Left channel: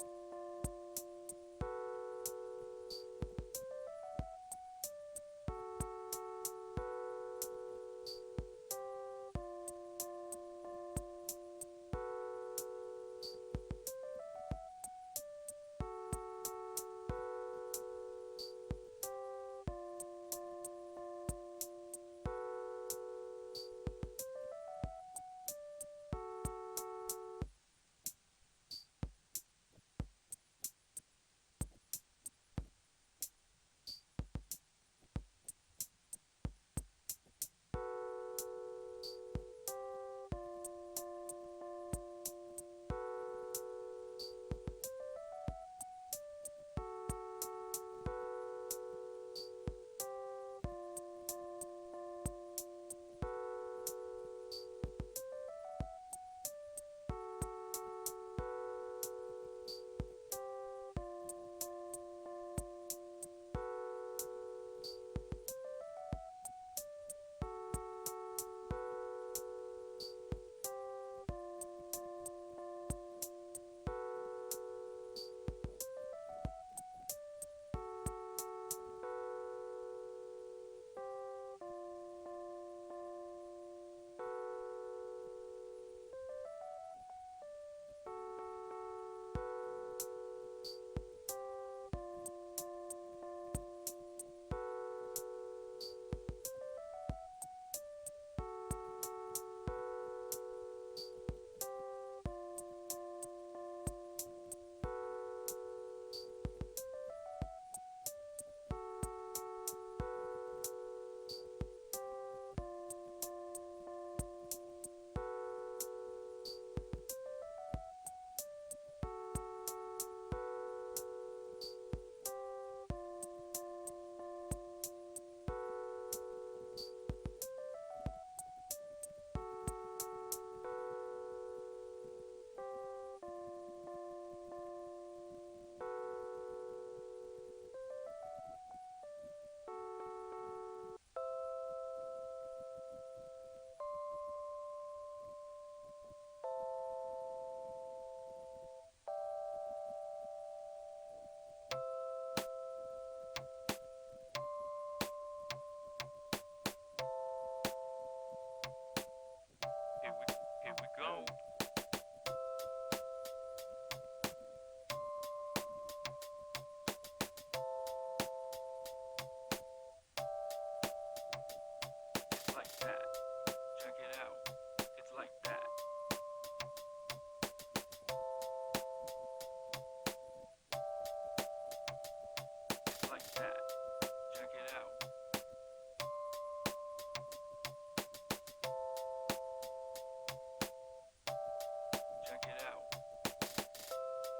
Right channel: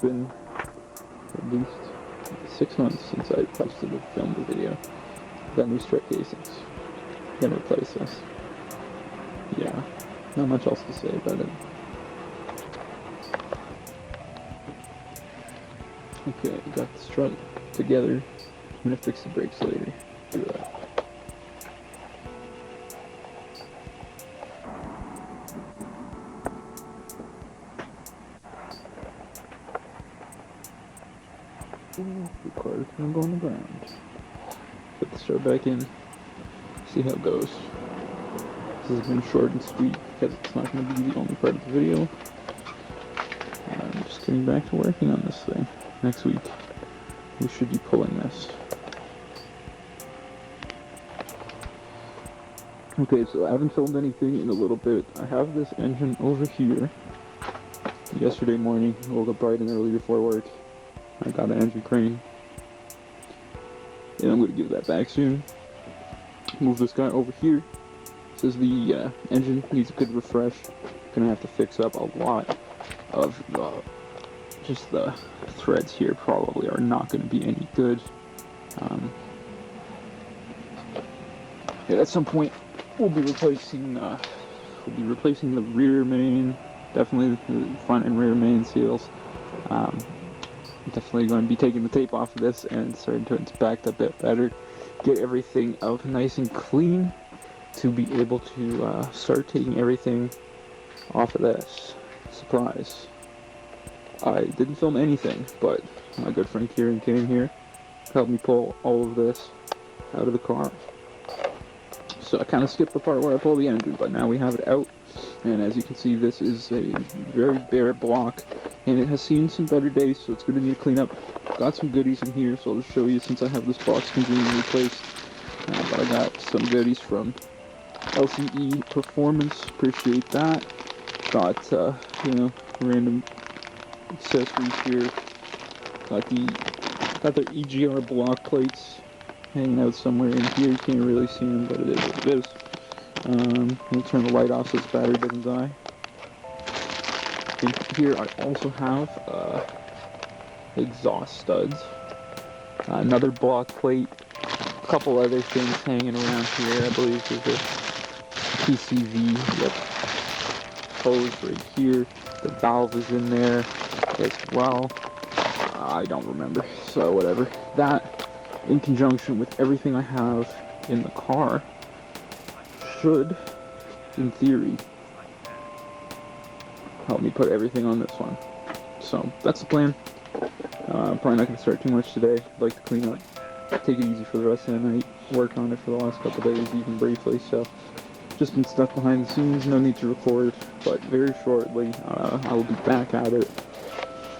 been at least 6 months since I posted or filmed a video. Got new strike casings. Gonna replace this. Yeah, not much else to say about it. Okay, got the strut together. I'm gonna fix the brakes later. Do that. The car's gonna go on the ground. Put the strut back in. See how it goes. This has been short and sweet because it's not going to be the only part of the video. I'm just getting back to working on this thing. Next week, we should be pulling this. Okay, so I haven't filmed anything in a little bit. I have this engine over here. Yesterday morning, I woke up bright and early before work. I got an engine crane. And I'm going to give that back soon. Move this guy over here. This is the engine needs a good refresh. Gonna have to fix up a lot of just the threads here. Probably are not going to be any good. At some point, we'll be replacing the rear main. Definitely the front and rear main seals. Definitely going to be taking the tape off of this and starting to inspect a bit better. Get everything out nice and clean to be able to start taking everything off of this. Surprise. I didn't film anything, but my good friend Kieran came here, helped me pull all of this out of the car. So I kind of skipped the part where I pulled the engine, but now we have it out. And as you can see, this is a very bare block, and it has seen some better days, so it's going to need a cleanup. Got some goodies in here, so I'll just show you since I have this box completely replaced. But I got some goodies from LCE Performance, appreciate that. Got, random accessories here. Got their EGR block plates hanging out somewhere in here. You can't really see them, but it is what it is. Let me turn the light off so this battery doesn't die. In here I also have exhaust studs, another block plate, a couple other things hanging around here. I believe there's a PCV, yep, hose right here. The valve is in there as well. I don't remember, so whatever. That, in conjunction with everything I have in the car, should, in theory, help me put everything on this one. So that's the plan. I'm probably not going to start too much today. I'd like to clean up, take it easy for the rest of the night, work on it for the last couple days, even briefly. So just been stuck behind the scenes, no need to record, but very shortly I will be back at it.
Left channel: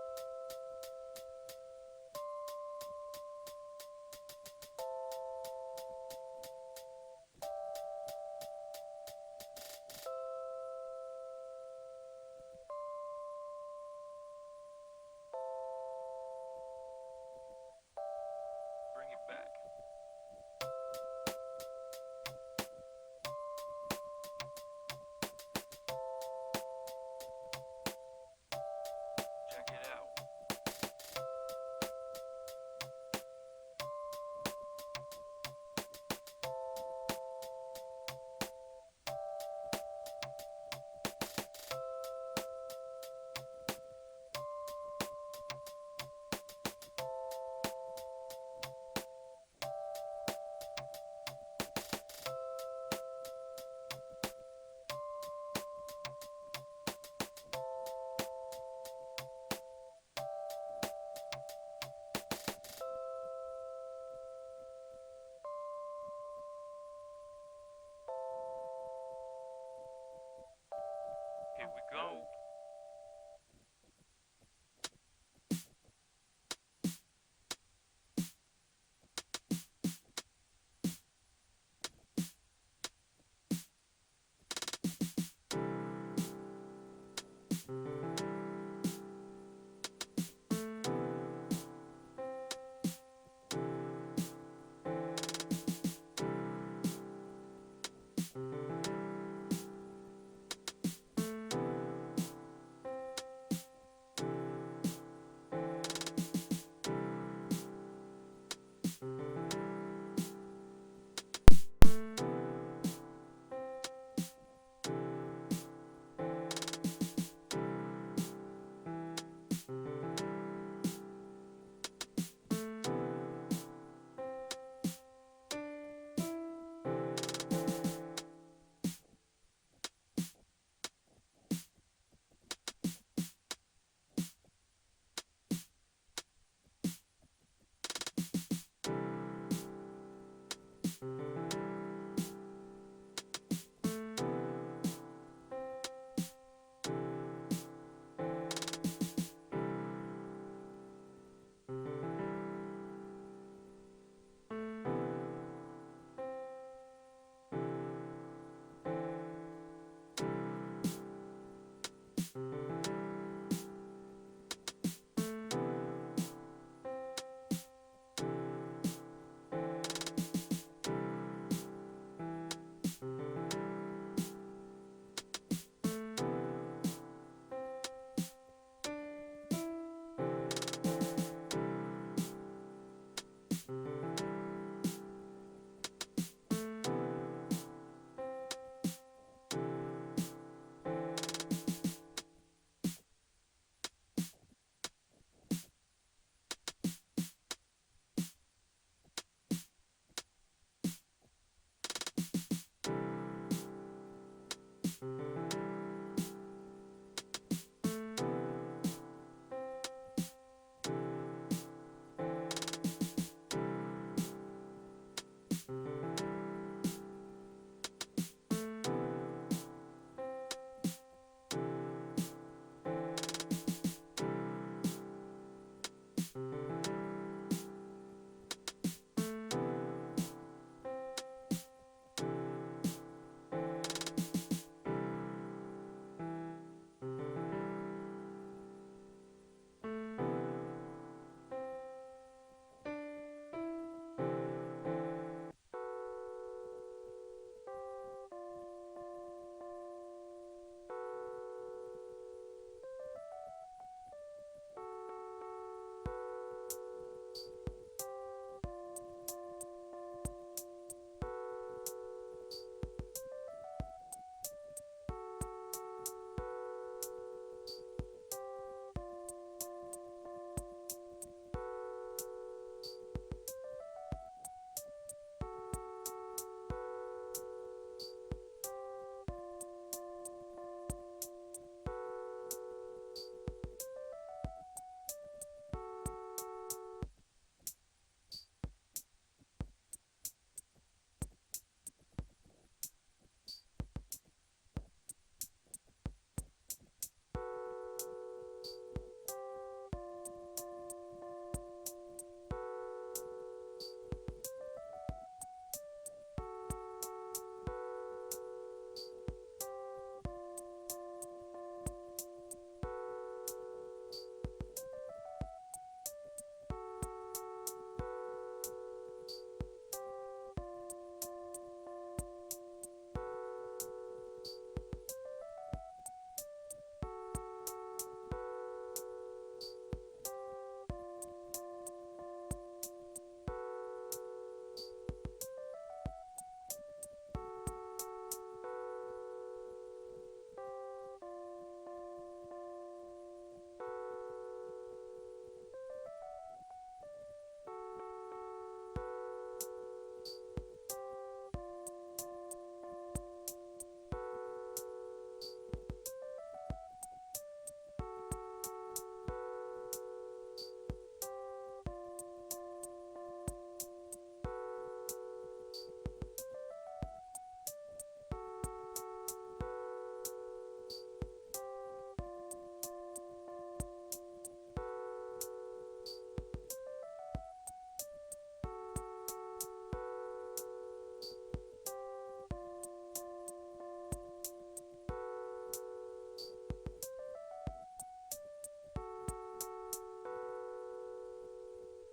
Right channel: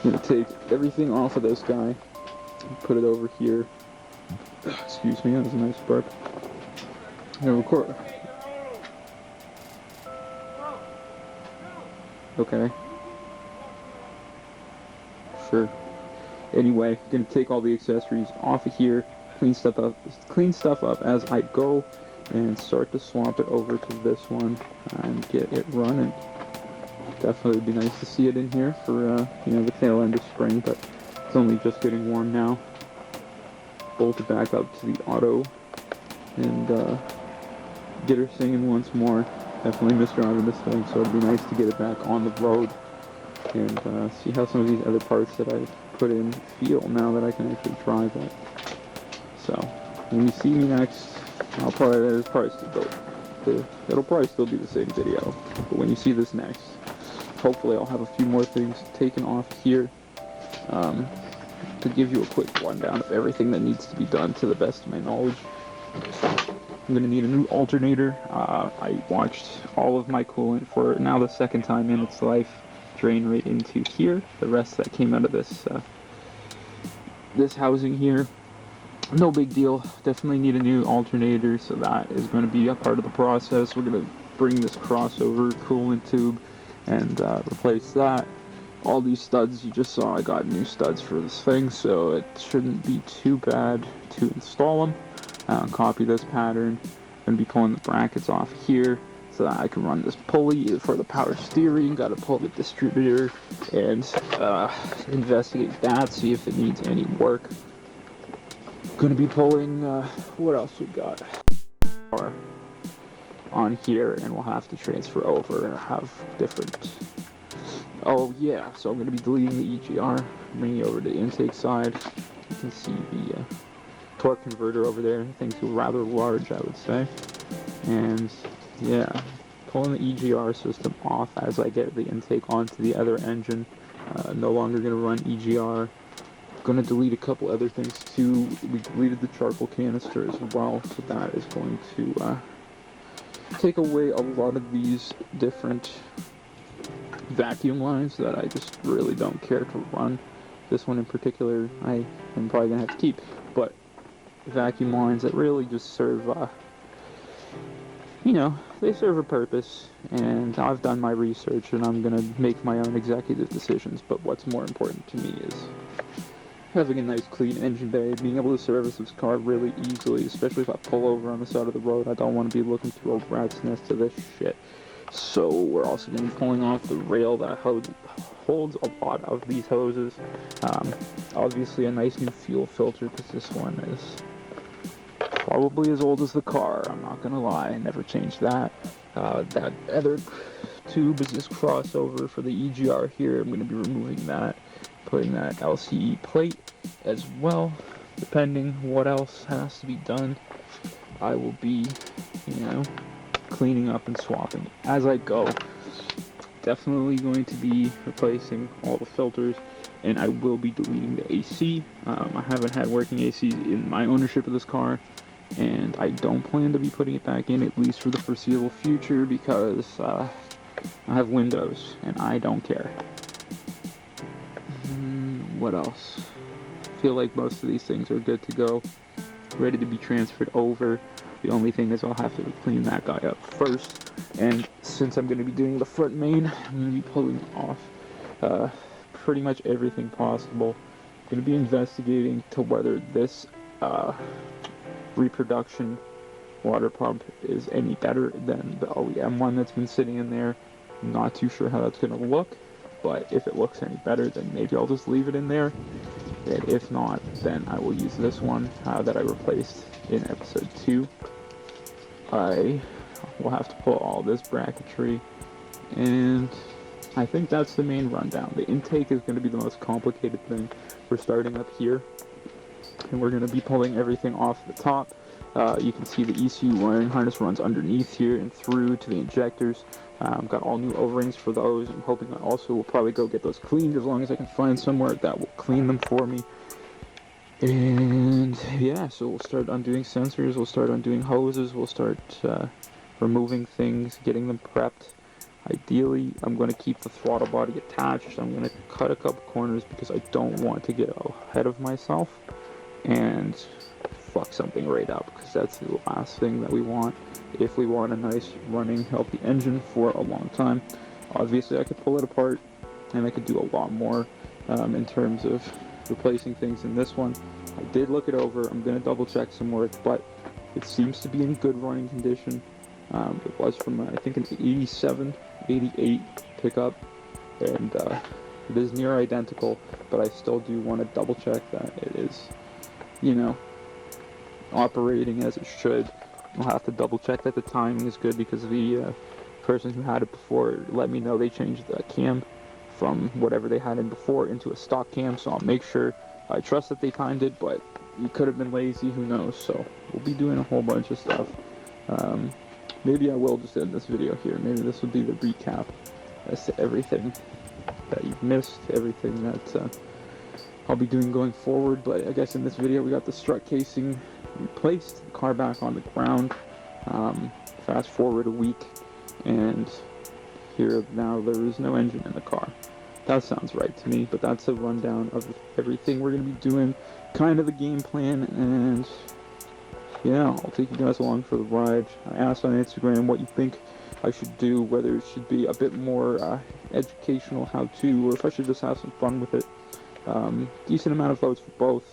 I'm going to take everything off of this guy and put it over here. Excuse me, that was a nice burp. I'm going to record. Okay. Sure. Anyway, gonna take all the accessories off of here, clean stuff up as I go, and start to swap it over to this one and get it running. Definitely would be nice to see it in here for the tail end of spring, but it's only just getting warm now. Bolt it back up to the auto and get her singing once more. Definitely missed driving this thing, so it'd be nice to get it back on the road and see how some of these other parts that I've put in feel now that I can actually drive it. So when you see me next, it'll probably still be the same video. But when you see this next, hopefully I'll have a few more things taken off here to give you a quick rundown of everything that needs to be done to the best of my knowledge. I'm going to need a new alternator. I watched all of my coolant for now the second time in its life drain right into here. The rest that came out of this housing here, no big deal. Definitely need a new alternator, so that is going to be a part of the process. We're going to bring this crossover coolant tube and replace that. All these studs you just saw, I got new studs for this thing, so it shouldn't be too bad to install them. Copy this pattern. Going to be pulling the brackets off here. So I can run this pulley for the power steering, gotta pull the distributor and investigate that, see if it needs any work. Gonna be pulling, what else we got? On here, and we'll have to transfer over and have different. Oh yeah, so I'm gonna be deleting the EGR, bringing it over to the intake side. You can see the torque converter over there. Things are rather large, I would say. And yeah, pulling the EGR system off as I get the intake onto the other engine. No longer gonna run EGR. Gonna delete a couple other things too. We deleted the charcoal canister as well, so that is going to take away a lot of these different vacuum lines that I just really don't care to run. This one in particular I am probably gonna have to keep, but vacuum lines that really just serve, you know, they serve a purpose, and I've done my research and I'm gonna make my own executive decisions. But what's more important to me is having a nice clean engine bay, being able to service this car really easily, especially if I pull over on the side of the road. I don't want to be looking through a rat's nest to this shit. So we're also going to be pulling off the rail that holds a lot of these hoses. Obviously a nice new fuel filter, because this one is probably as old as the car, I'm not going to lie, I never changed that. That other tube is this crossover for the EGR here. I'm going to be removing that, putting that LCE plate as well. Depending what else has to be done, I will be, you know, cleaning up and swapping as I go. Definitely going to be replacing all the filters, and I will be deleting the AC. I haven't had working AC in my ownership of this car, and I don't plan to be putting it back in, at least for the foreseeable future, because I have windows and I don't care. What else? I feel like most of these things are good to go, ready to be transferred over. The only thing is I'll have to clean that guy up first, and since I'm going to be doing the front main, I'm going to be pulling off pretty much everything possible. I'm going to be investigating to whether this reproduction water pump is any better than the OEM one that's been sitting in there. I'm not too sure how that's going to look, but if it looks any better, then maybe I'll just leave it in there. And if not, then I will use this one that I replaced in episode 2. I will have to pull all this bracketry, and I think that's the main rundown. The intake is going to be the most complicated thing. We're starting up here, and we're going to be pulling everything off the top. You can see the ECU wiring harness runs underneath here and through to the injectors. Got all new O-rings for those. I'm hoping I also will probably go get those cleaned, as long as I can find somewhere that will clean them for me. And yeah, so we'll start undoing sensors, we'll start undoing hoses, we'll start removing things, getting them prepped. Ideally, I'm going to keep the throttle body attached. I'm going to cut a couple corners because I don't want to get ahead of myself and fuck something right up, because that's the last thing that we want if we want a nice running healthy engine for a long time. Obviously I could pull it apart and I could do a lot more in terms of replacing things in this one. I did look it over. I'm going to double check some work, but it seems to be in good running condition. It was from I think an 87, 88 pickup, and it is near identical, but I still do want to double check that it is, you know, operating as it should. I'll have to double check that the timing is good, because the person who had it before let me know they changed the cam from whatever they had in before into a stock cam, so I'll make sure. I trust that they timed it, but you could have been lazy, who knows. So we'll be doing a whole bunch of stuff. Maybe I will just end this video here. Maybe this will be the recap as to everything that you've missed, everything that I'll be doing going forward. But I guess in this video we got the strut casing replaced, the car back on the ground. Fast forward a week, and here now there is no engine in the car. That sounds right to me, but that's a rundown of everything we're going to be doing, kind of the game plan, and yeah, I'll take you guys along for the ride. I asked on Instagram what you think I should do, whether it should be a bit more educational how-to, or if I should just have some fun with it. Decent amount of votes for both,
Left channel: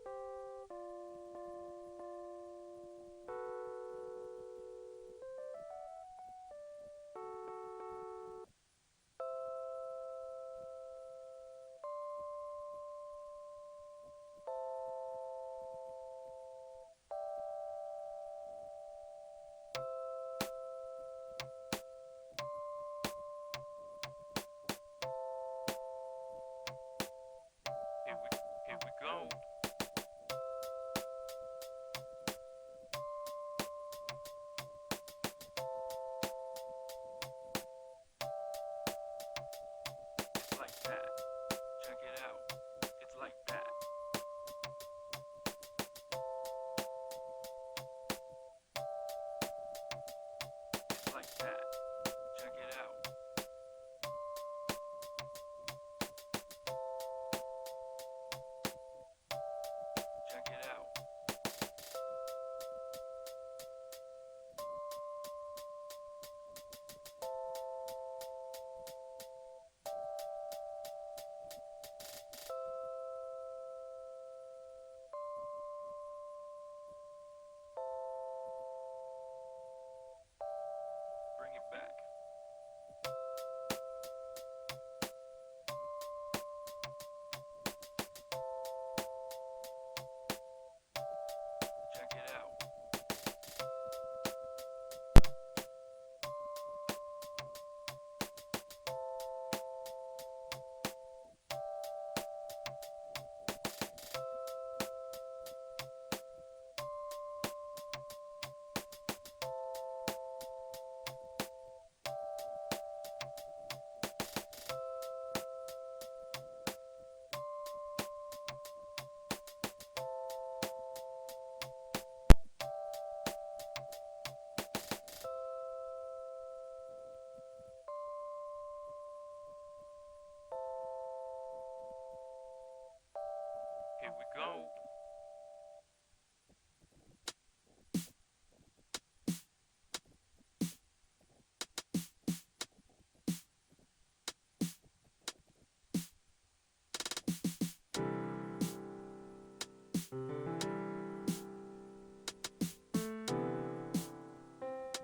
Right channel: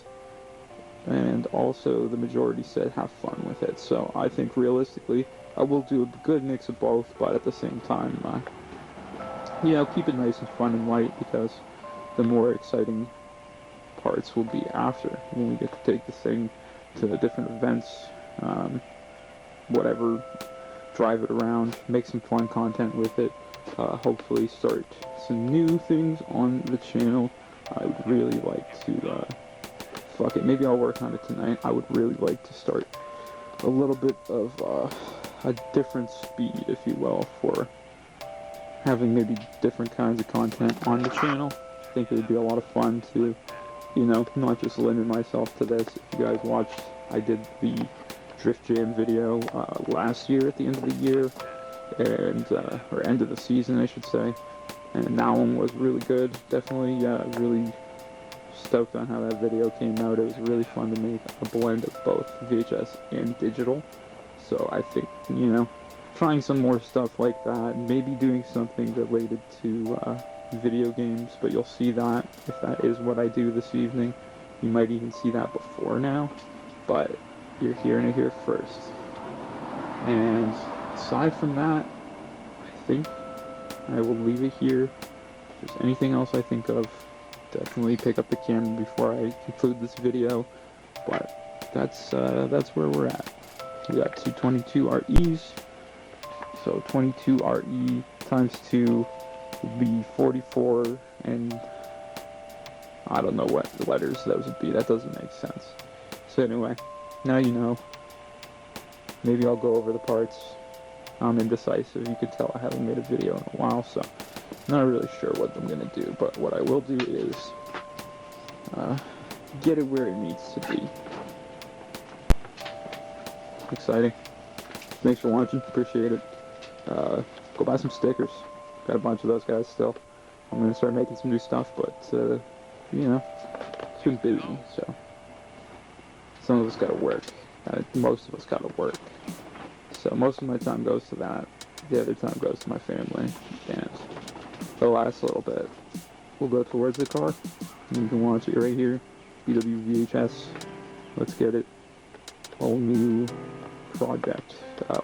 and also the majority said have fun with it. So I think realistically I will do a good mix of both, but at the same time, keep it nice and fun and light, because the more exciting parts will be after, when we get to take this thing to the different events, whatever, drive it around, make some fun content with it, hopefully start some new things on the channel. I would really like to, fuck it, maybe I'll work on it tonight. I would really like to start a little bit of a different speed, if you will, for having maybe different kinds of content on the channel. I think it would be a lot of fun to, not just limit myself to this. If you guys watched, I did the Drift Jam video last year at the end of the year, and or end of the season, I should say, and that one was really good. Definitely, really stoked on how that video came out. It was really fun to make a blend of both VHS and digital. So I think, trying some more stuff like that, maybe doing something related to video games, but you'll see that if that is what I do this evening. You might even see that before now, but you're hearing it here first. And aside from that, I think I will leave it here. If there's anything else I think of, definitely pick up the camera before I conclude this video, but that's where we're at. We got 222 REs, so 22 RE times 2 would be 44, and I don't know what letters those would be. That doesn't make sense. So anyway, now you know. Maybe I'll go over the parts. I'm indecisive. You can tell I haven't made a video in a while, so I'm not really sure what I'm going to do. But what I will do is get it where it needs to be. Exciting. Thanks for watching. Appreciate it. Go buy some stickers. Got a bunch of those guys still. I'm going to start making some new stuff, but, it's been busy, so some of us got to work. Most of us got to work. So most of my time goes to that. The other time goes to my family. And the last little bit, we'll go towards the car. You can watch it right here. BWVHS. Let's get it. Whole new project.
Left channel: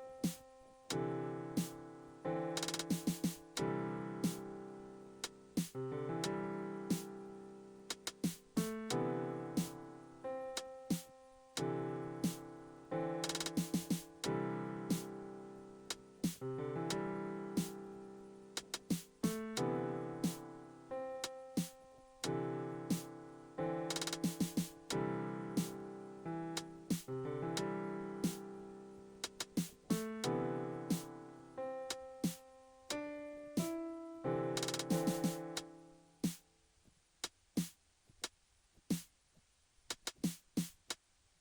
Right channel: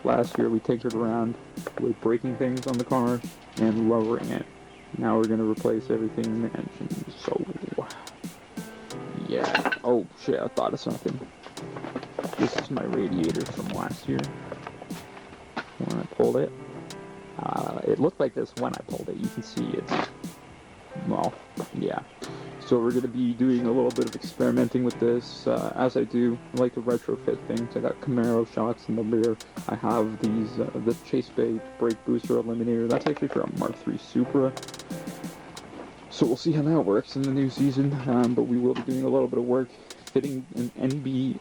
Last year we tinkered around with breaking things on the car and lowering it. Now we're going to replace everything in the engine. So, yeah. Oh shit, I thought of something. This is my radiator from last year. When I pulled it. It looked like this when I pulled it. You can see it. Well, yeah. So we're going to be doing a little bit of experimenting with this. As I do, I like to retrofit things. I got Camaro shocks in the rear. I have these, this Chase Bay brake booster eliminator. That's actually for a Mark III Supra. So we'll see how that works in the new season. But we will be doing a little bit of work fitting an NB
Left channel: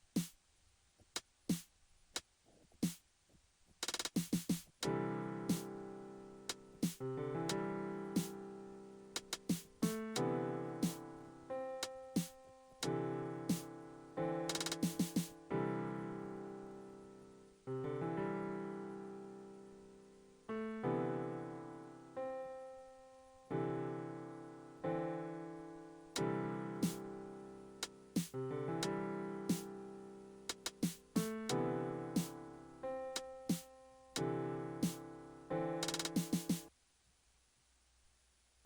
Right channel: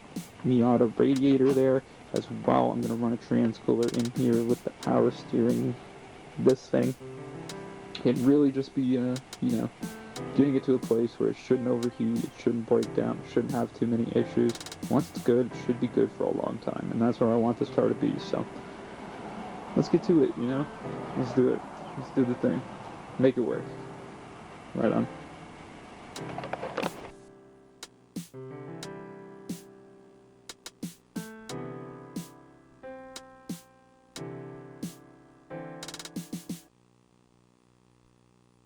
Miata radiator there. As well, I'm going to run a trans cooler in here with the power steering, this thing. And really just be, getting it to a place where it shouldn't overheat, it shouldn't break down, shouldn't have too many issues. Once it's good, it should be good for a long time. And that's where I want this car to be, so let's get to it, Let's do it. Let's do the thing. Make it work. Right on.